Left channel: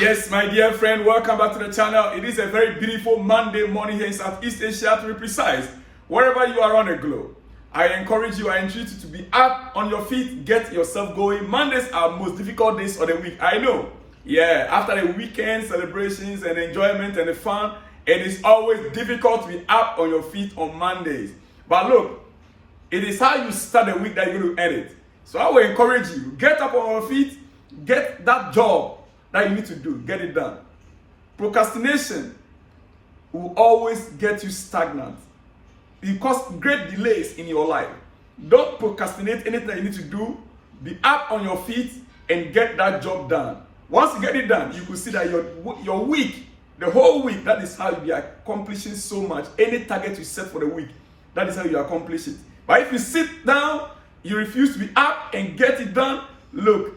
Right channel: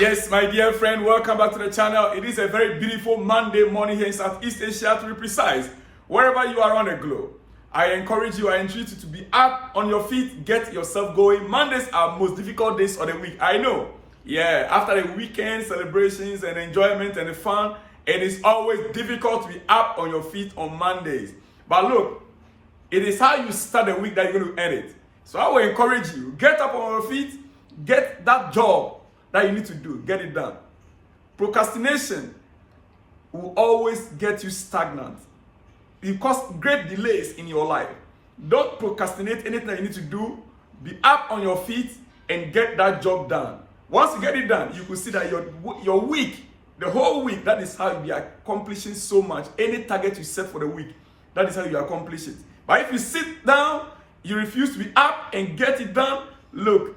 Yes, my dear friend, welcome back to the channel. It is a very beautiful Monday morning here in Southeast Asia, to be precise. Wherever you are on the globe, I encourage you, I entreat you to be up on your feet, get yourself going. Mondays are most difficult days of the week, I know. Yeah, after the weekend celebrations and enjoyment and the fun, it is always difficult to be up on your feet on Mondays. But look, it is how you start the week that you're going to end it. So I will encourage you, get up on your feet, get that job that you need to do, get it done. Procrastination will always get you stagnant. It causes great delays in your life. Don't procrastinate anything that you need to do. Be up on your feet and get that job done. Once you get it done, you will see that your week, the whole week, that is how you are accomplishing so much. Any target you set for the week, that is how you accomplish it. But if you sit down, you refuse to be up and get it done, look,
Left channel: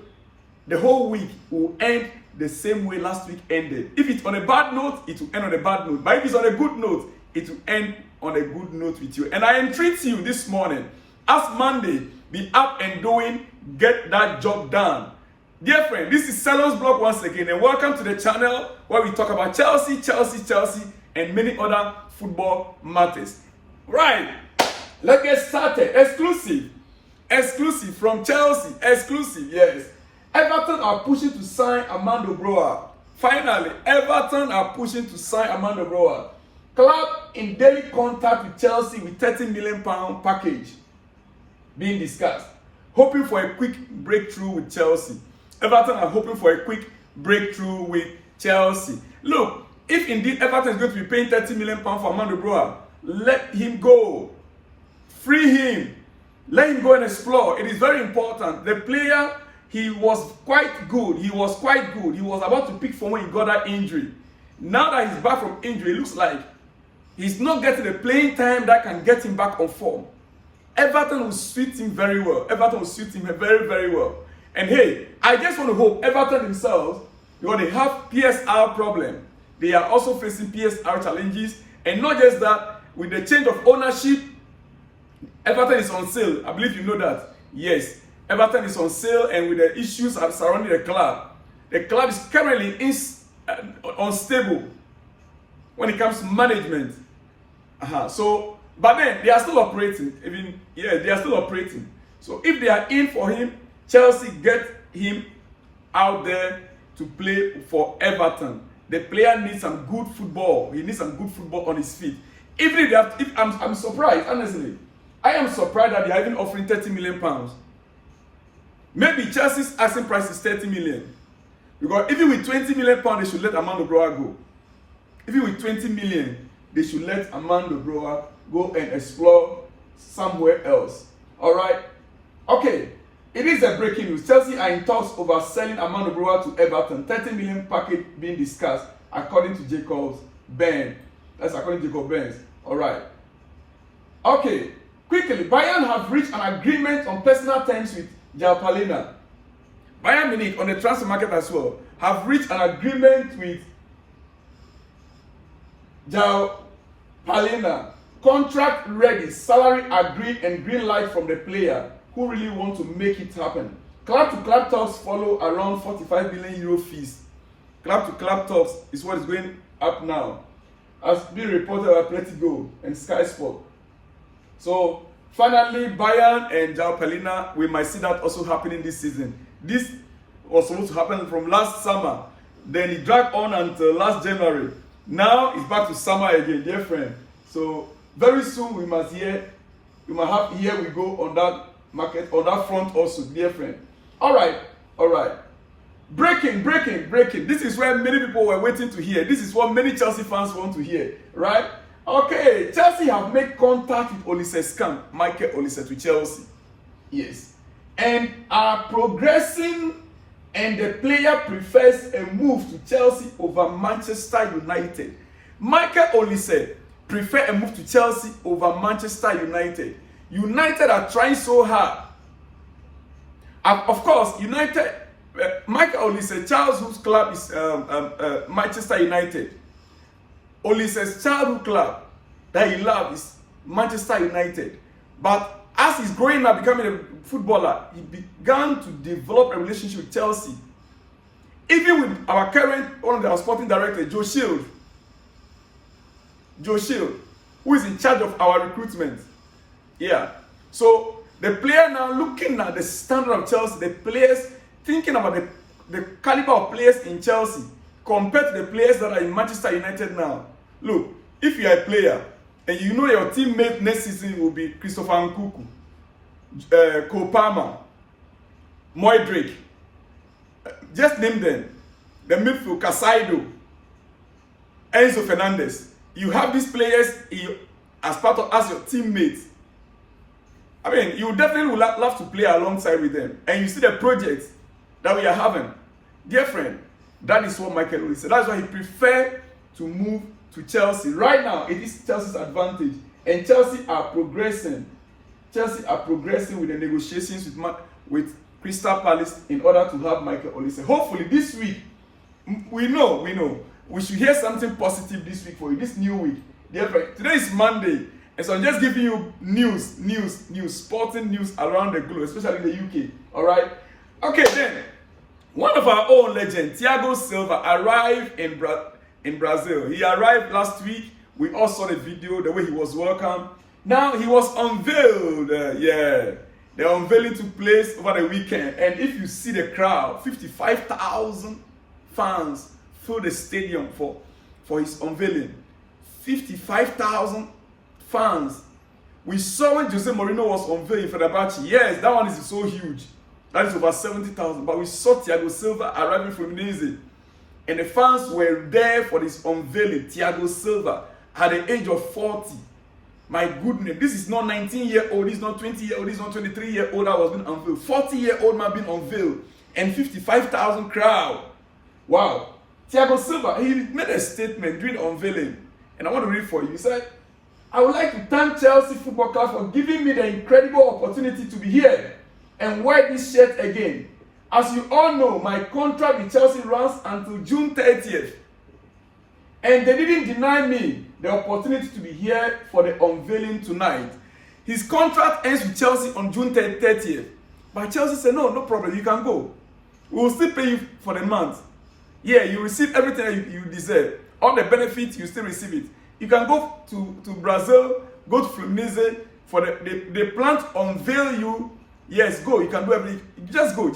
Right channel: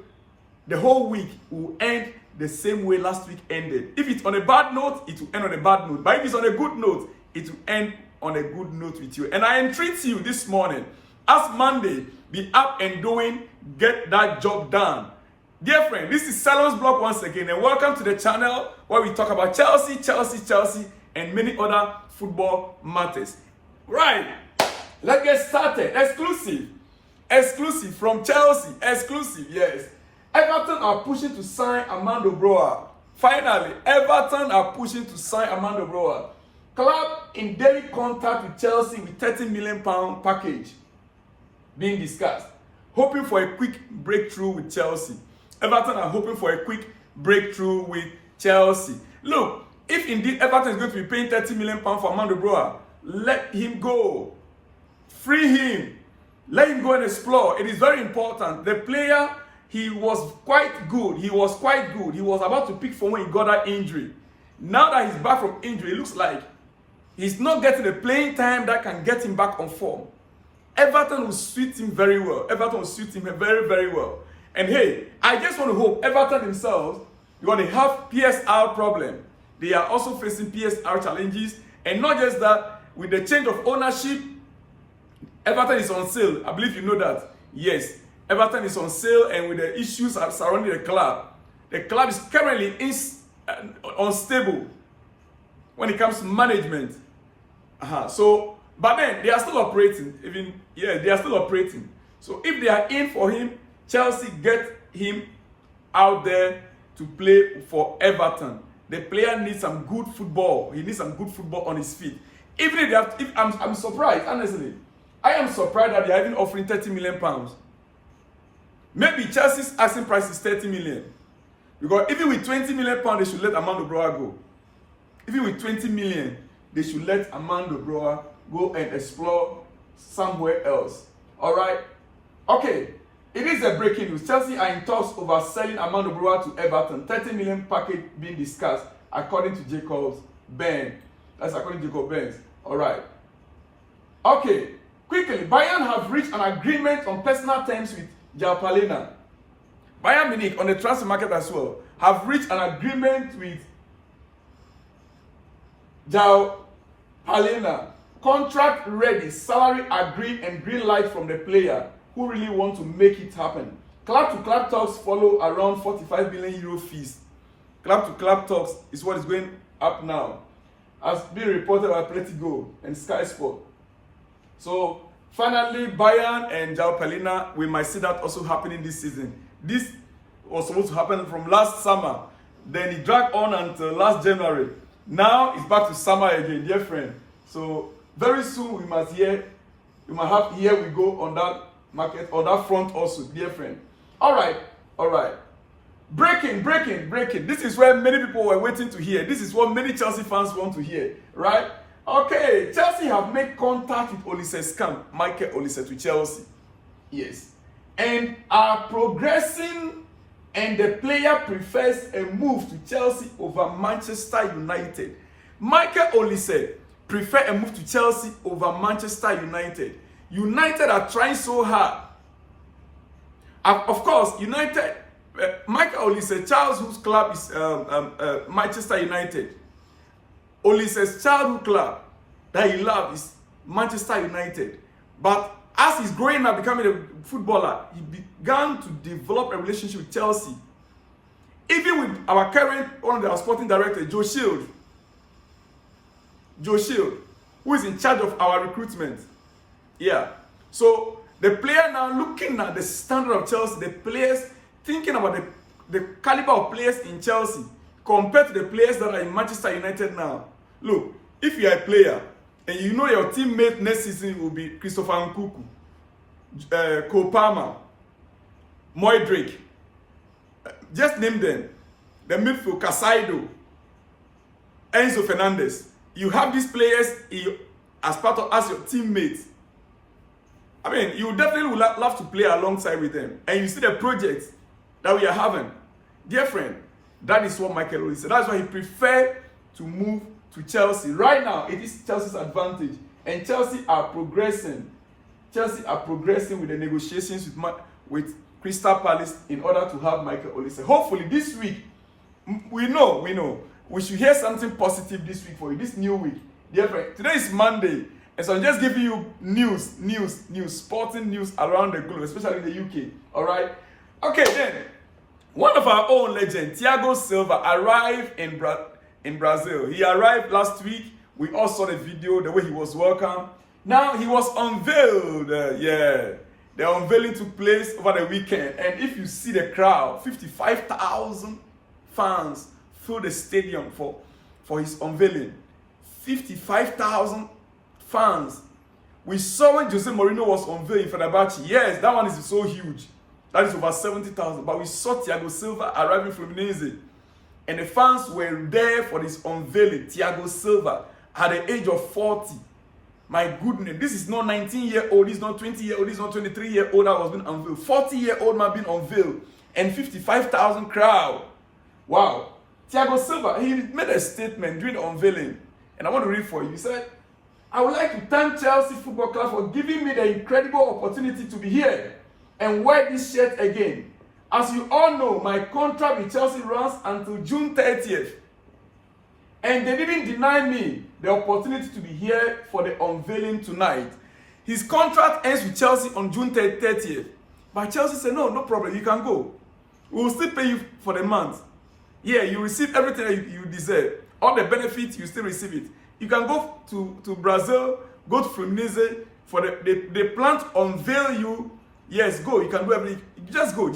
the whole week will end the same way last week ended. If it's on a bad note, it will end on a bad note. But if it's on a good note, it will end on a good note with you. And I entreat you this morning, as Monday, be up and doing, get that job done. Dear friend, this is Salon's Blog once again, and welcome to the channel where we talk about Chelsea, and many other football matters. Right, let's get started. Exclusive from Chelsea, yes. Everton are pushing to sign Armando Broja. Finally, Everton are pushing to sign Armando Broja. Club in daily contact with Chelsea with £30 million package being discussed. Hoping for a quick breakthrough with Chelsea. Everton are hoping for a quick breakthrough with Chelsea. Look, if indeed Everton is going to be paying £30 million for Armando Broja, let him go. Free him. Let him go and explore. It is very important. The player, he was quite good. He was about to pick from when he got that injury. Now that he's back from injury, it looks like he's not getting the playing time that can get him back on form. Everton will suit him very well. Everton will suit him very, very well. And hey, I just want to hope Everton themselves, because they have PSR problem. They are also facing PSR challenges. And not just that, with the change of ownership, Everton is on sale. I believe you know that. Yes, Everton is on sale, and with the issues surrounding the club is currently unstable when it comes to management. But then they are still operating. They are still operating. So if they are in for him, Chelsea get him out there to play for Everton. The player needs some good football. He needs some good football on his feet. I'm surprised, honestly. I am surprised that they are even offering £30 million. Maybe Chelsea's asking price is 30 million. Because even with 20 million pounds, they should let Armando Broja go. Even with 20 million, they should let Armando Broja go and explore somewhere else. Alright? Okay. It is a breaking news. Chelsea are in talks over selling Armando Broja to Everton. 30 million package being discussed, according to Jacob Burns. That's according to Jacob Burns. Alright. Okay. Quickly, Bayern have reached an agreement on personal terms with João Palhinha. Bayern Munich, on the transfer market as well, have reached an agreement with João Palhinha. Contract ready, salary agreed, and green light from the player who really want to make it happen. Club-to-club talks follow around 45 million euro fees. Club-to-club talks is what is going up now, as being reported by Pochettino and Sky Sport. So finally, Bayern and João Palhinha, we might see that also happening this season. This was supposed to happen from last summer. Then it dragged on until last January. Now it's back to summer again, dear friend. So very soon we might have here we go on that market, on that front also, dear friend. All right. Breaking. This is where many people were waiting to hear. This is what many Chelsea fans want to hear, right? Okay, Chelsea have made contact with Olise's camp, Michael Olise, to Chelsea. Yes. And are progressing, and the player prefers a move to Chelsea over Manchester United. Michael Olise prefers a move to Chelsea over Manchester United. United are trying so hard. Of course, Michael Olise, childhood club is Manchester United. Olise's childhood club that he loved is Manchester United. But as he's growing up, becoming a footballer, he began to develop a relationship with Chelsea. Even with our current, one of our sporting director, Joe Shield, who is in charge of our recruitment. Yeah. So the player now looking at the standard of Chelsea, the players, thinking about the caliber of players in Chelsea compared to the players that are in Manchester United now. Look, if you are a player and you know your teammate next season will be Christopher Nkunku, Cole Palmer, Moydrick, just name them. The midfield, Casado, Enzo Fernandez. You have these players as your teammates. I mean, you definitely would love to play alongside with them. And you see the project that we are having. Dear friend, that is what Michael Olise said. That's why he preferred to move to Chelsea. Right now, it is Chelsea's advantage. And Chelsea are progressing. Chelsea are progressing with the negotiations with Crystal Palace in order to have Michael Olise. Hopefully this week, we know. We should hear something positive this week for you, this new week. Dear friend, today is Monday. And so I'm just giving you news, sporting news around the globe, especially in the UK. All right? Okay, then. One of our own legends, Thiago Silva, arrived in Brazil. He arrived last week. We all saw the video, the way he was welcomed. Now, he was unveiled. The unveiling took place over the weekend. And if you see the crowd, 55,000 fans filled the stadium for his unveiling. 55,000 fans. We saw when Jose Mourinho was unveiled in Fenerbahce. Yes, that one is so huge. That is over 70,000. But we saw Thiago Silva arriving from Olise. And the fans were there for this unveiling. Thiago Silva at the age of 40. My goodness, this is not 19-year-old, this is not 20-year-old, this is not 23-year-old that was being unveiled. 40-year-old man being unveiled. And 55,000 crowd. Wow. Thiago Silva, he made a statement during the unveiling. And I want to read for you. He said, I would like to thank Chelsea Football Club for giving me the incredible opportunity to be here and wear this shirt again. As you all know, my contract with Chelsea runs until June 30th. And they didn't deny me the opportunity to be here for the unveiling tonight. His contract ends with Chelsea on June 30th. But Chelsea said, no problem, you can go. We will still pay you for the month. Yeah, you receive everything you deserve. All the benefits, you still receive it. You can go to Brazil, go to Fluminense, for the plan to unveil you. Yes, go, you can do everything. Just go.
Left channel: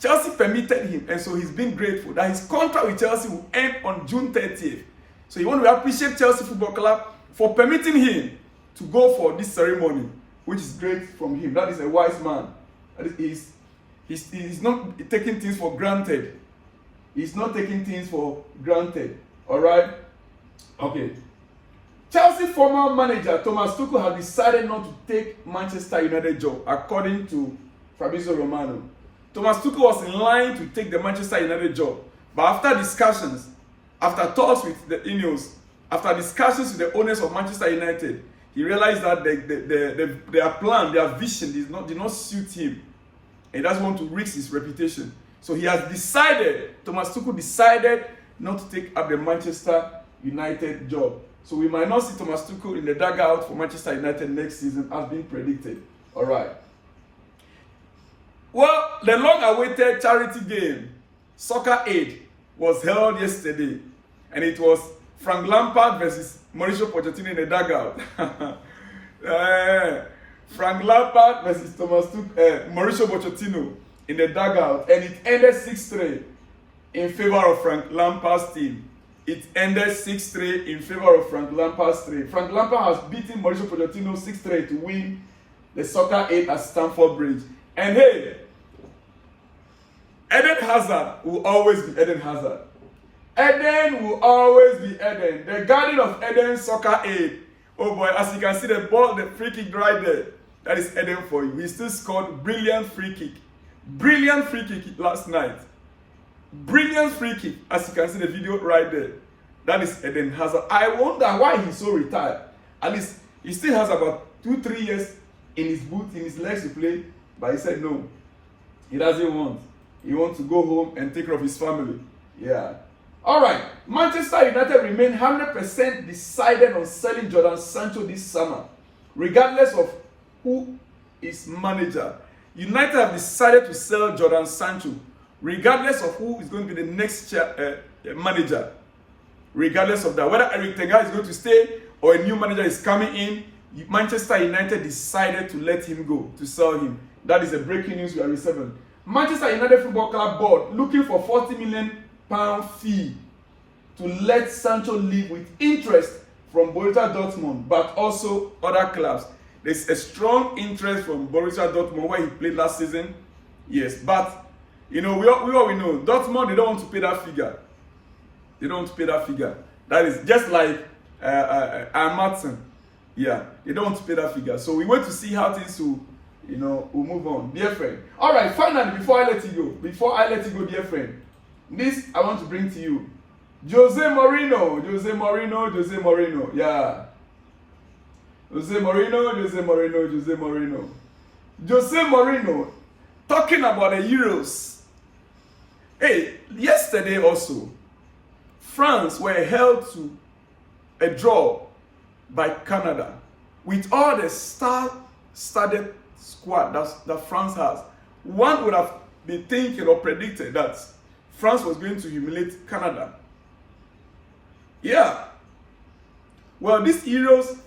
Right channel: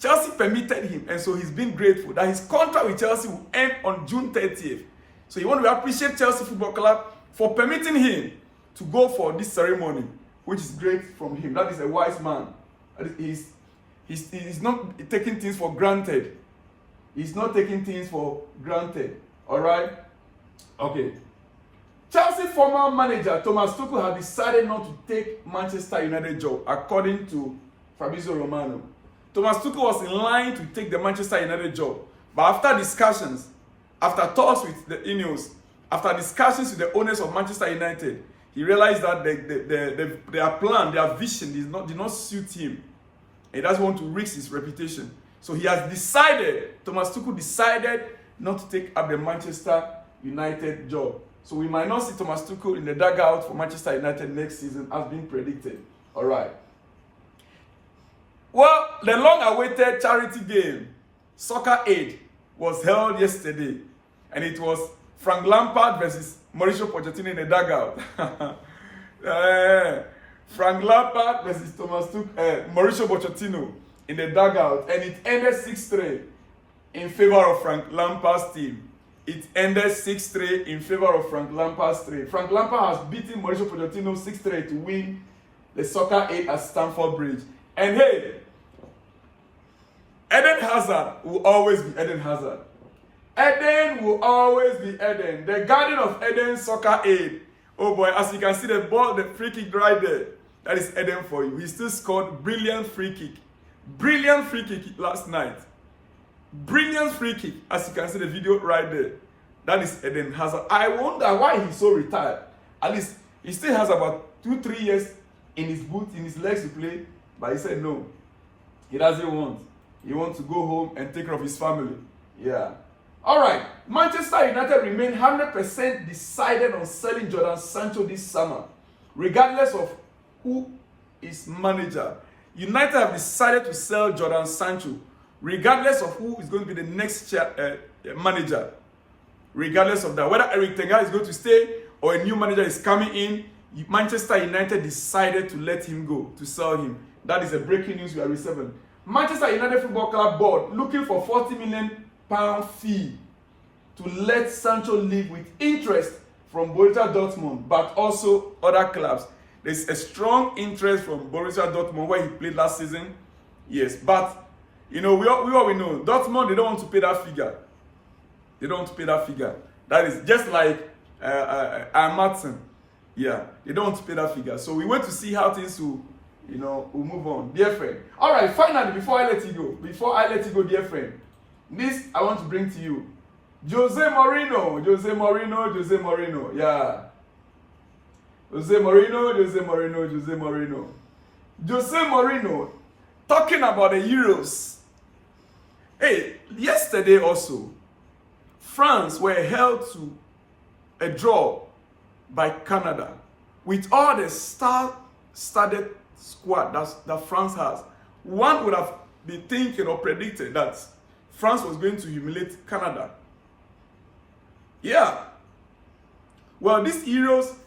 Chelsea permitted him, and so he's been grateful that his contract with Chelsea will end on June 30th. So you want to appreciate Chelsea Football Club for permitting him to go for this ceremony, which is great from him. That is a wise man. He's not taking things for granted. He's not taking things for granted. All right? Okay. Chelsea former manager Thomas Tuchel has decided not to take Manchester United job, according to Fabrizio Romano. Thomas Tuchel was in line to take the Manchester United job, but after discussions, after talks with the Ineos, after discussions with the owners of Manchester United, he realized that their plan, their vision did not suit him. He doesn't want to risk his reputation. So he has decided, Thomas Tuchel decided not to take up the Manchester United job. So we might not see Thomas Tuchel in the dugout for Manchester United next season as being predicted. All right. Well, the long-awaited charity game, Soccer Aid, was held yesterday. And it was Frank Lampard versus Mauricio Pochettino in the dugout. Frank Lampard versus Mauricio Pochettino in the dugout. And it ended 6-3 in favor of Frank Lampard's team. It ended 6-3 in favor of Frank Lampard's team. Frank Lampard has beaten Mauricio Pochettino 6-3 to win the Soccer Aid at Stamford Bridge. And hey, Eden Hazard will always be Eden Hazard. Eden will always be Eden. The guardian of Eden Soccer Aid. Oh boy, as you can see the ball, the free kick right there. That is Eden for you. He still scored brilliant free kick. Brilliant free kick last night. Brilliant free kick. As you can see the video right there. That is Eden Hazard. I wonder why he's so retired. At least he still has about 2-3 years in his boot, in his legs to play. But he said no. He doesn't want. He wants to go home and take care of his family. Yeah. All right. Manchester United remain 100% decided on selling Jadon Sancho this summer, regardless of who is manager. United have decided to sell Jadon Sancho regardless of who is going to be the next manager. Regardless of that, whether Eric Ten Hag is going to stay or a new manager is coming in, Manchester United decided to let him go, to sell him. That is the breaking news we are receiving. Manchester United Football Club board looking for £40 million fee to let Sancho leave with interest from Borussia Dortmund, but also other clubs. There's a strong interest from Borussia Dortmund where he played last season. Yes, but you know, we all know Dortmund, they don't want to pay that figure. They don't want to pay that figure. That is just like Martin. Yeah, they don't want to pay that figure. So we wait to see how things will, you know, will move on. Dear friend. All right, finally, before I let you go, dear friend, this I want to bring to you. Jose Mourinho. Yeah. Jose Mourinho. Talking about the Euros. Hey, yesterday also, France were held to a draw by Canada. With all the star-studded squad that France has, one would have been thinking or predicted that France was going to humiliate Canada. Yeah. Well, these Euros,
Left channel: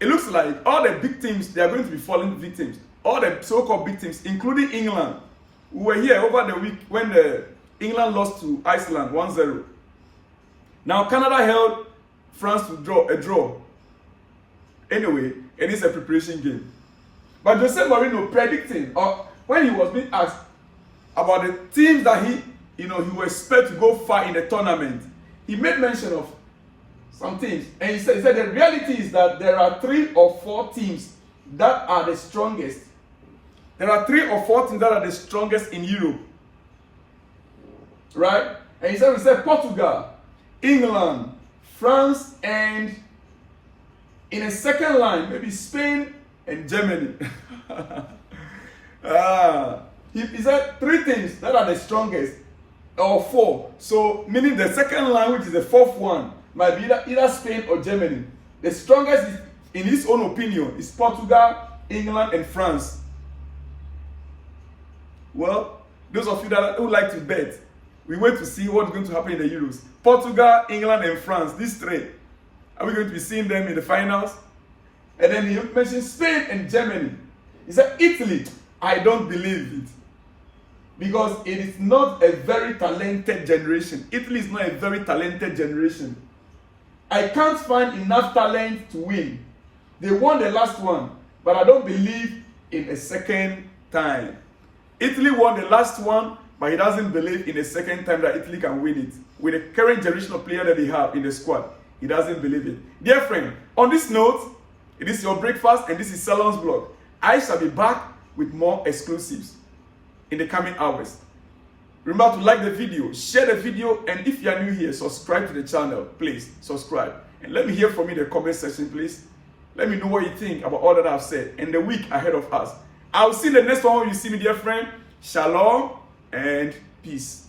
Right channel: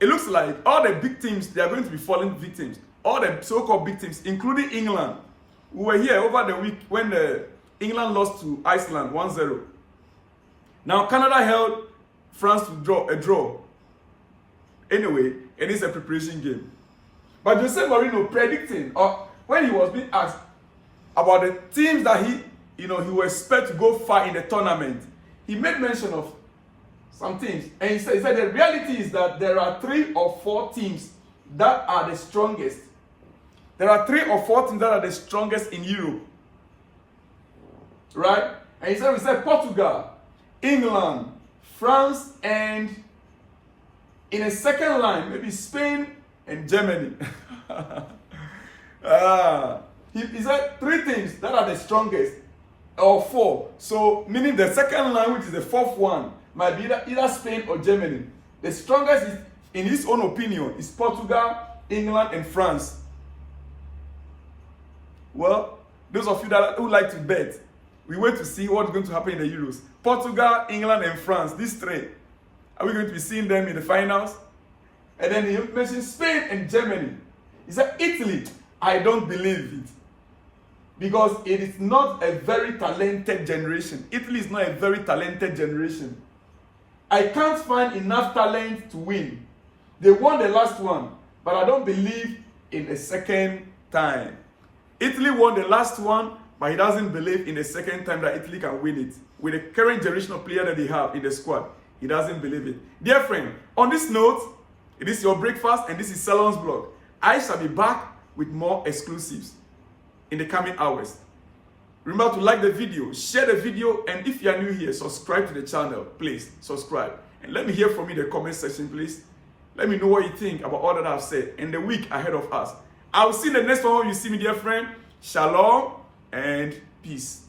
it looks like all the big teams, they are going to be falling victims. All the so-called big teams, including England, who were here over the week when England lost to Iceland 1-0. Now, Canada held France to a draw. Anyway, it is a preparation game. But Jose Mourinho predicting, or when he was being asked about the teams that he will expect to go far in the tournament, he made mention of some teams. And he said the reality is that there are 3 or 4 teams that are the strongest. There are 3 or 4 teams that are the strongest in Europe. Right? And he said Portugal, England, France, and in a second line, maybe Spain and Germany. He said 3 teams that are the strongest, or 4. So, meaning the second line, which is the 4th one, might be either Spain or Germany. The strongest, in his own opinion, is Portugal, England, and France. Well, those of you who like to bet, we wait to see what's going to happen in the Euros. Portugal, England, and France, these 3. Are we going to be seeing them in the finals? And then he mentioned Spain and Germany. He said Italy, I don't believe it. Because it is not a very talented generation. Italy is not a very talented generation. I can't find enough talent to win. They won the last one, but I don't believe in a second time. Italy won the last one, but he doesn't believe in a second time that Italy can win it. With the current generation of players that they have in the squad, he doesn't believe it. Dear friend, on this note, it is your breakfast and this is Salon's blog. I shall be back with more exclusives in the coming hours. Remember to like the video, share the video, and if you are new here, subscribe to the channel. Please, subscribe. And let me hear from you in the comment section, please. Let me know what you think about all that I've said and the week ahead of us. I'll see you in the next one when you see me, dear friend. Shalom and peace.